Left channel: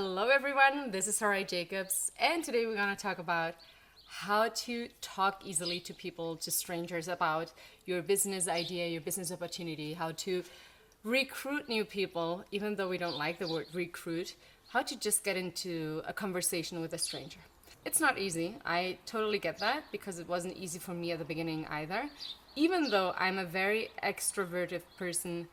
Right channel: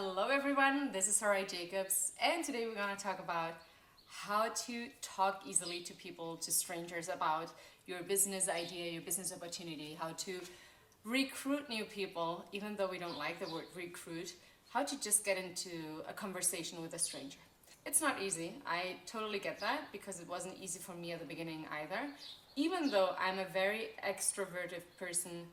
Hello everyone, this is Sarai Jacobs, and today we're going to talk about how to talk easily to people, to strangers, about your business idea, your business opportunity, how to recruit new people, even though we don't like the word recruit, how to just get into a conversation with a stranger. It's not easy, I totally get that, because it wasn't easy for me at the beginning either. Even though I'm a very extroverted person,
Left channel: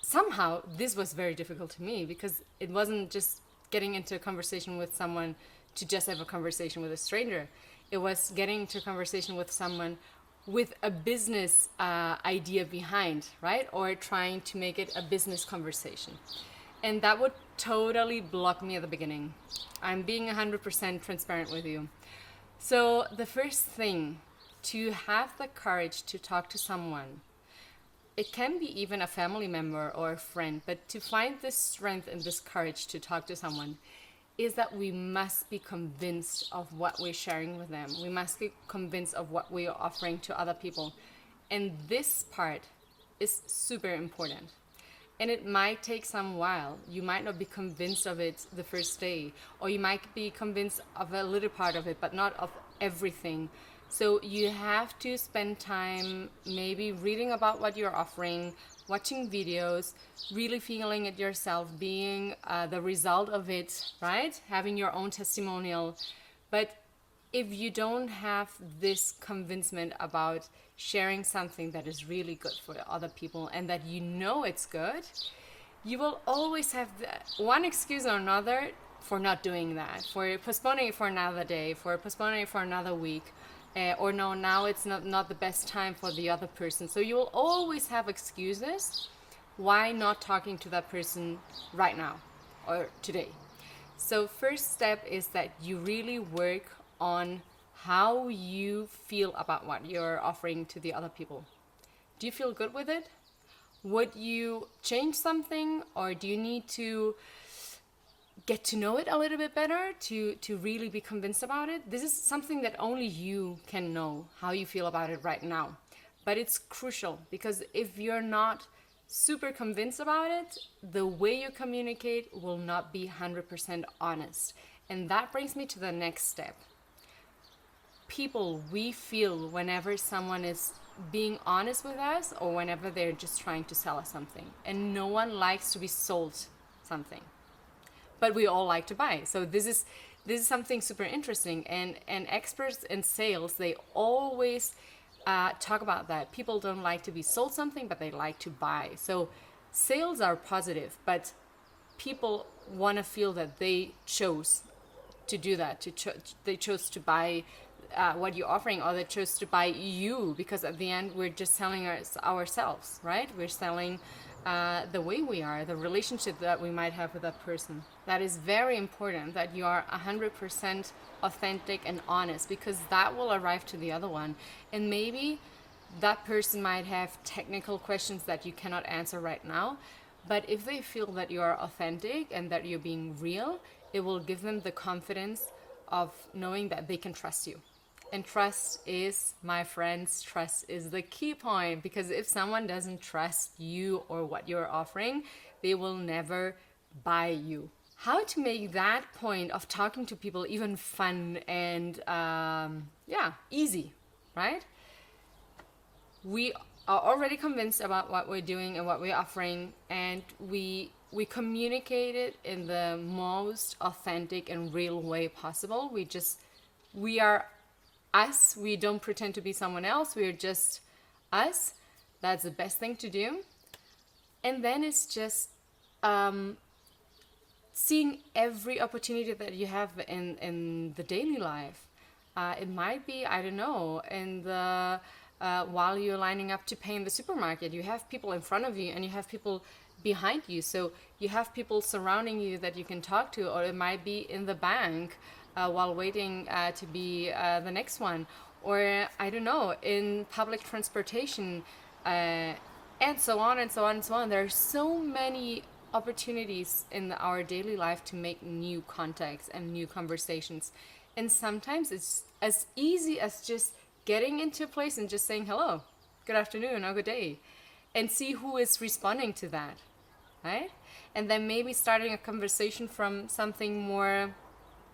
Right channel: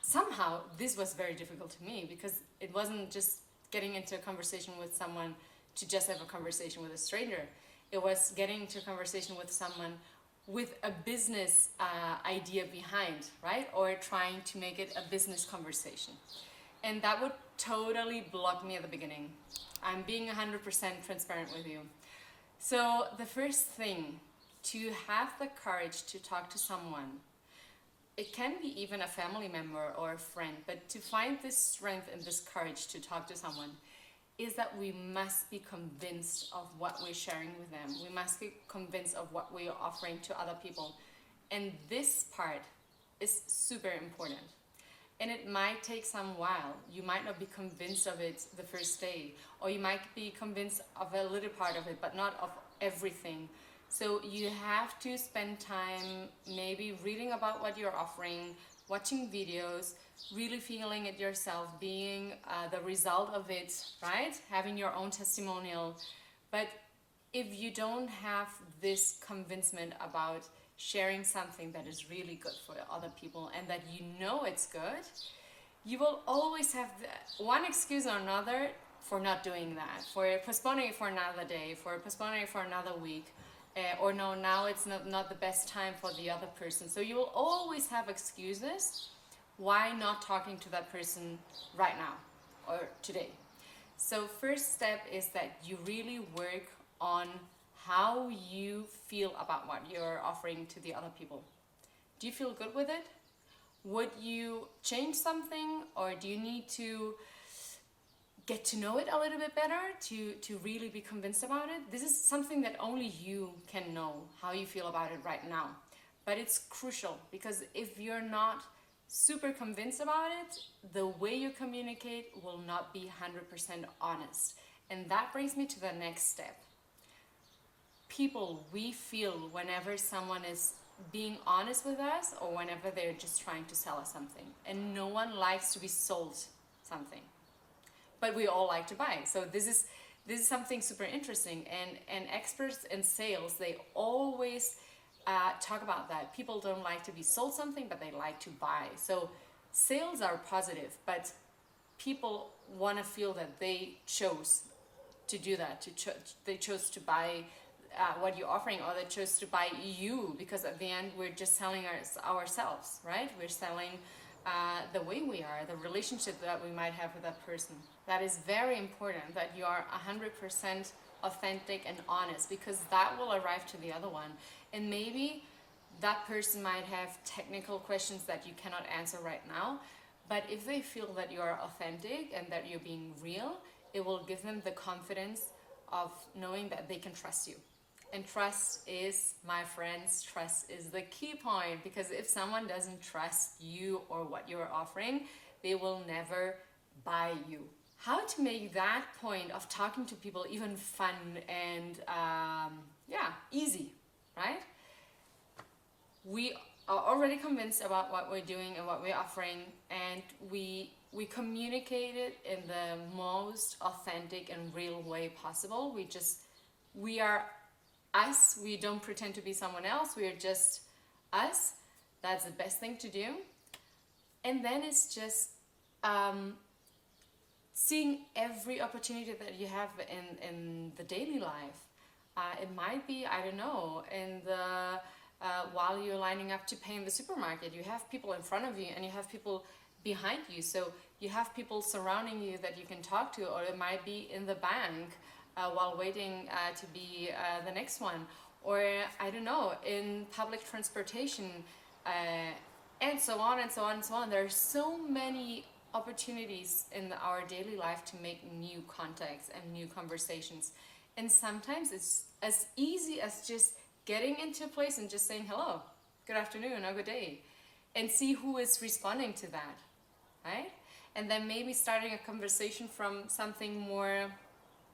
somehow this was very difficult to me because it wasn't just getting into a conversation with someone to just have a conversation with a stranger. It was getting into a conversation with someone with a business idea behind, right? Or trying to make it a business conversation. And that would totally block me at the beginning. I'm being 100% transparent with you. So the first thing, to have the courage to talk to someone, it can be even a family member or a friend, but to find this strength and this courage to talk to someone is that we must be convinced of what we're sharing with them. We must be convinced of what we are offering to other people. And this part is super important. And it might take some while. You might not be convinced of it the first day, or you might be convinced of a little part of it, but not of everything. So you have to spend time maybe reading about what you're offering, watching videos, really feeling it yourself, being the result of it, right? Having your own testimonial. But if you don't have this convincement about sharing something that is really good for other people and that you know it's good, you will always have one excuse or another for not doing that, for postponing it for another day, for postponing it for another week. Or no, now it's not the best time for the other person. So you will always have excuses why not talking to that person right now or today. So first step is that you really work on how you feel about what you're offering to the other people. Do you feel good with it? Would you change something, or do you need to get to know it a little bit better to really be convinced about it? This is something that only you can know how you feel about it right now. But it's crucial, because if you're not super convinced about it, the way you communicate will not be 100% honest. And that brings me to the next step. People, we feel whenever someone is being honest with us or whenever they're just trying to sell us something. And no one likes to be sold something, but we all like to buy. So this is something super interesting, and experts in sales, they always talk about that. People don't like to be sold something, but they like to buy. So sales are positive, but people want to feel that they chose to do that. They chose to buy what you're offering, or they chose to buy you, because at the end we're just selling ourselves, right? We're selling the way we are, the relationship that we might have with that person. That is very important, that you are 100% authentic and honest, because that will arrive to the other one. And maybe that person might have technical questions that you cannot answer right now, but if they feel that you are authentic and that you're being real, it will give them the confidence of knowing that they can trust you. And trust is, my friends, trust is the key point, because if someone doesn't trust you or what you're offering, they will never buy you. How to make that point of talking to people even fun and easy, right? We are already convinced about what we're doing and what we're offering, and we communicate it in the most authentic and real way possible. We are us. We don't pretend to be someone else. We are just us. That's the best thing to do. And then it's just seeing every opportunity that you have in the daily life. It might be, I don't know, in the while you're lining up to pay in the supermarket, you have people in front of you and you have people behind you. So you have people surrounding you that you can talk to, or it might be in the bank while waiting to be the next one, or I don't know, in public transportation, and so on and so on and so on. There are so many opportunities in our daily life to make new contacts and new conversations. And sometimes it's as easy as just getting into a place and just saying hello, good afternoon, or good day, and see who is responding to that, right? and then maybe starting a conversation from something more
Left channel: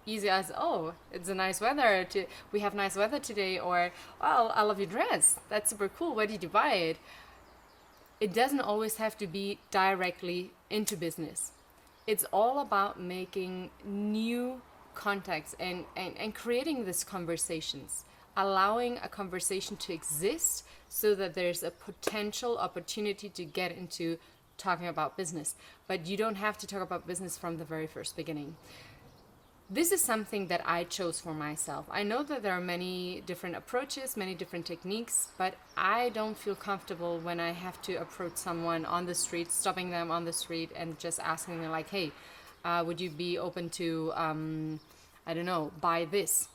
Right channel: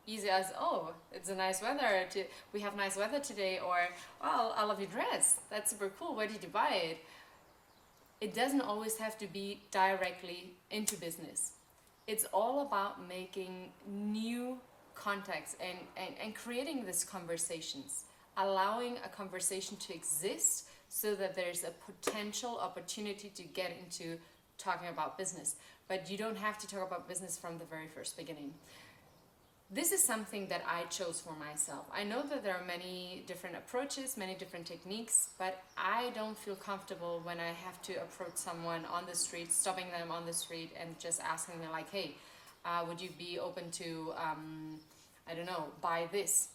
easy as, oh, it's a nice weather, we have nice weather today, or, oh, I love your dress, that's super cool, where did you buy it? It doesn't always have to be directly into business. It's all about making new contacts and creating these conversations, allowing a conversation to exist so that there's a potential opportunity to get into talking about business. But you don't have to talk about business from the very first beginning. This is something that I chose for myself. I know that there are many different approaches, many different techniques, but I don't feel comfortable when I have to approach someone on the street, stopping them on the street and just asking them like, hey, would you be open to, I don't know, buy this?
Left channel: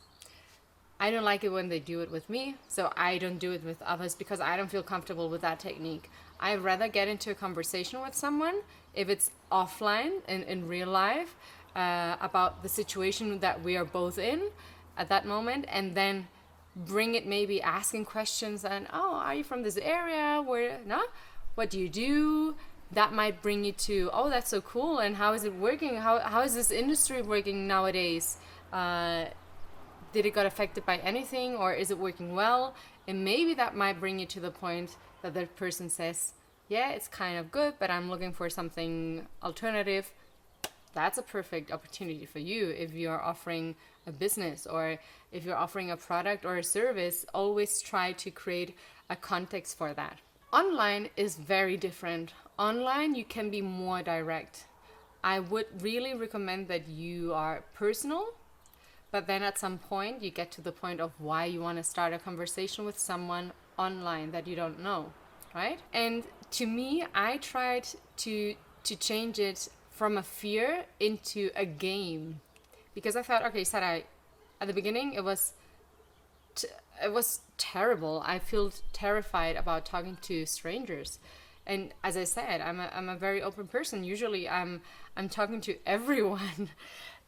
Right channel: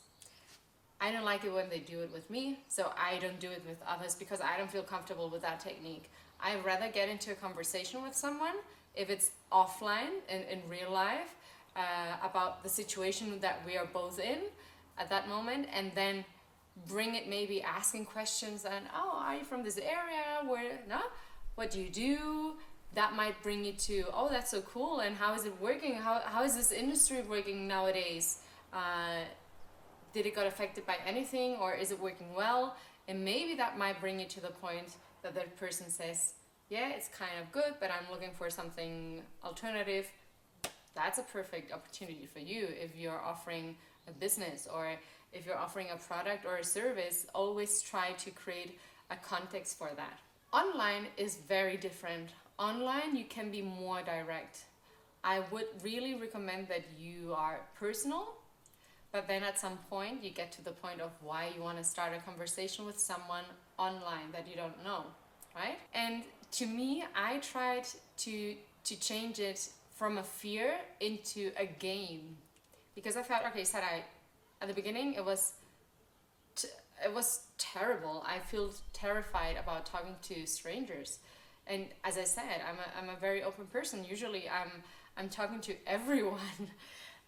I don't like it when they do it with me, so I don't do it with others because I don't feel comfortable with that technique. I'd rather get into a conversation with someone, if it's offline, in real life, about the situation that we are both in at that moment, and then bring it, maybe asking questions and, oh, are you from this area, where, no, what do you do? That might bring you to, oh, that's so cool, and how is it working, how is this industry working nowadays? Did it got affected by anything, or is it working well? And maybe that might bring you to the point that the person says, yeah, it's kind of good, but I'm looking for something alternative. That's a perfect opportunity for you if you're offering a business, or if you're offering a product or a service. Always try to create a context for that. Online is very different. Online you can be more direct. I would really recommend that you are personal, but then at some point you get to the point of why you want to start a conversation with someone online that you don't know, right? And to me, I tried to change it from a fear into a game, because I thought, okay, Sarai, at the beginning it was terrible. I feel terrified about talking to strangers, and as I said, I'm a very open person. Usually I'm talking to everyone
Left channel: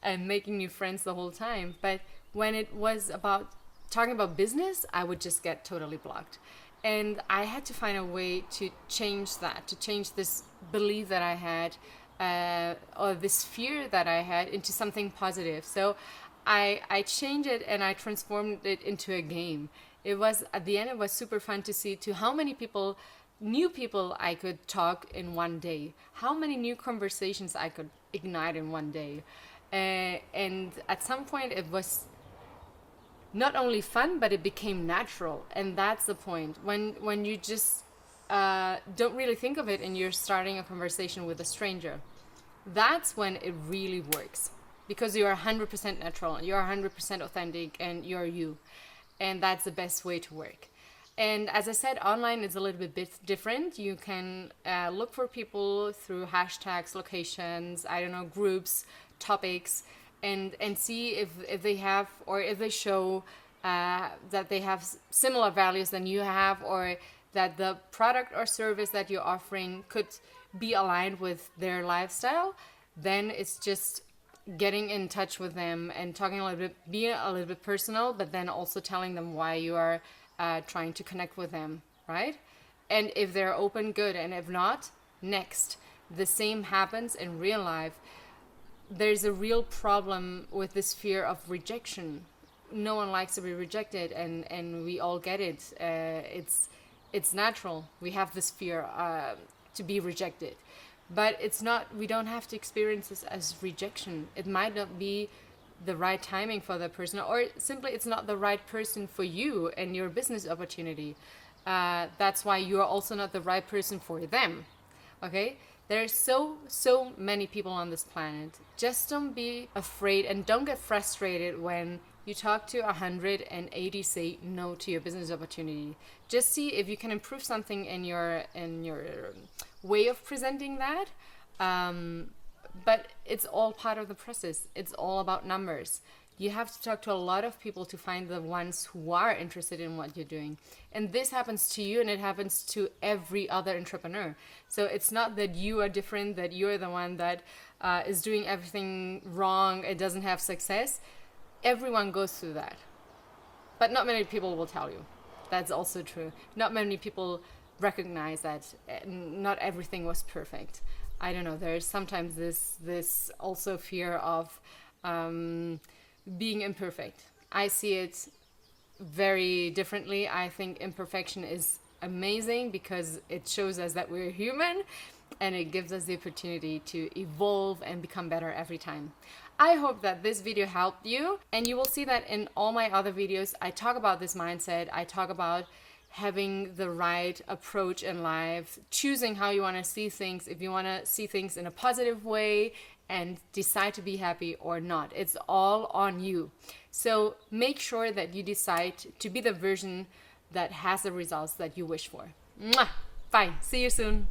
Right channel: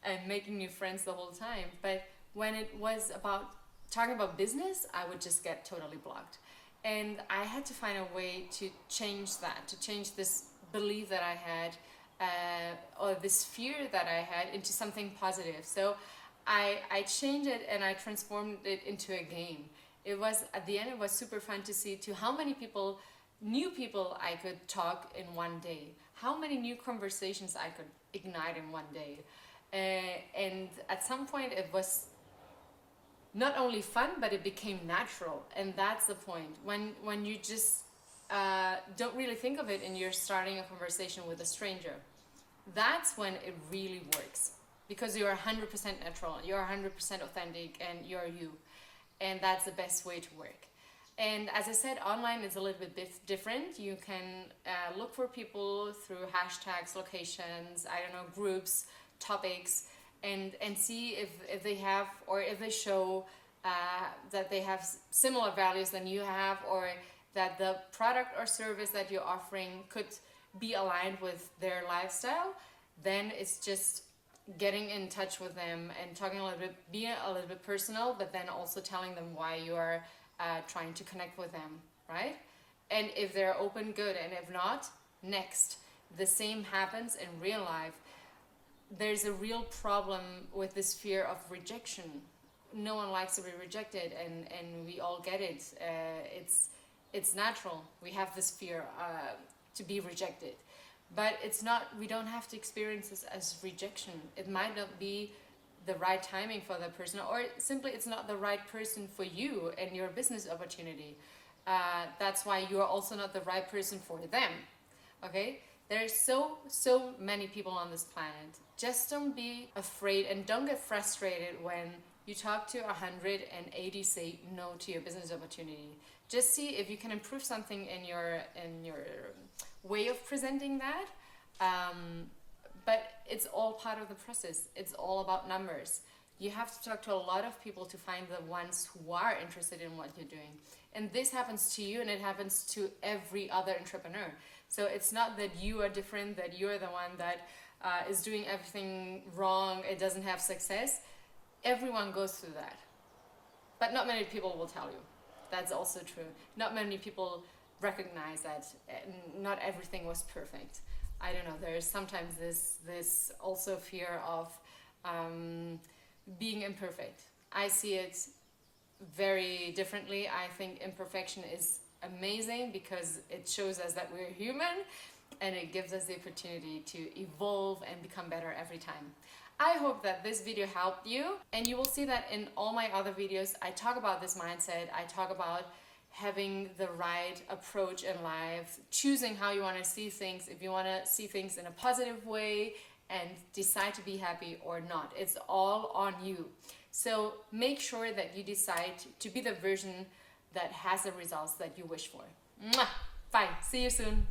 and making new friends the whole time. But when it was about talking about business, I would just get totally blocked. And I had to find a way to change that, to change this belief that I had, or this fear that I had, into something positive. So I changed it and I transformed it into a game. It was, at the end, it was super fun to see to how many people, new people I could talk in one day, how many new conversations I could ignite in one day. And at some point it was not only fun, but it became natural. And that's the point. When you just don't really think of it and you're starting a conversation with a stranger, that's when it really works. Because you're 100% natural, you're 100% authentic, and you're you. And that's the best way to work. And as I said, online is a little bit different. You can look for people through hashtags, locations, I don't know, groups, topics, and see if they have, or if they show that they have similar values than you have, or that the product or service that you're offering could be aligned with their lifestyle. Then it's just getting in touch with them and talking a little bit, being a little bit personal, but then also telling them why you are trying to connect with them, right? And if they're open, good, and if not, next. The same happens in real life. There's a real problem with this fear of rejection. No one likes to be rejected, and we all get it. It's natural. We have this fear to be rejected. But it's not, we don't have to experience this as rejection. It might not be the right timing for the person, or simply it's not the right person for you and your business opportunity. That's why you're also not the right person for them. Okay? There are so many people on this planet. Just don't be afraid and don't get frustrated when you talk to 180 say no to your business opportunity. Just see if you can improve something in your way of presenting that. But it's all part of the process. It's all about numbers. You have to talk to a lot of people to find the ones who are interested in what you're doing. And this happens to you, and it happens to every other entrepreneur. So it's not that you are different, that you're the one that is doing everything wrong, it doesn't have success. Everyone goes through that. But not many people will tell you. That's also true. Not many people recognize that not everything was perfect. I don't know, there's sometimes this also fear of being imperfect. I see it very differently. I think imperfection is amazing because it shows us that we're human, and it gives us the opportunity to evolve and become better every time. I hope that this video helped you, and you will see that in all my other videos I talk about this mindset. I talk about having the right approach in life, choosing how you want to see things, if you want to see things in a positive way and decide to be happy or not. It's all on you. So make sure that you decide to be the version that has the results that you wish for. Mwah! Bye. See you soon.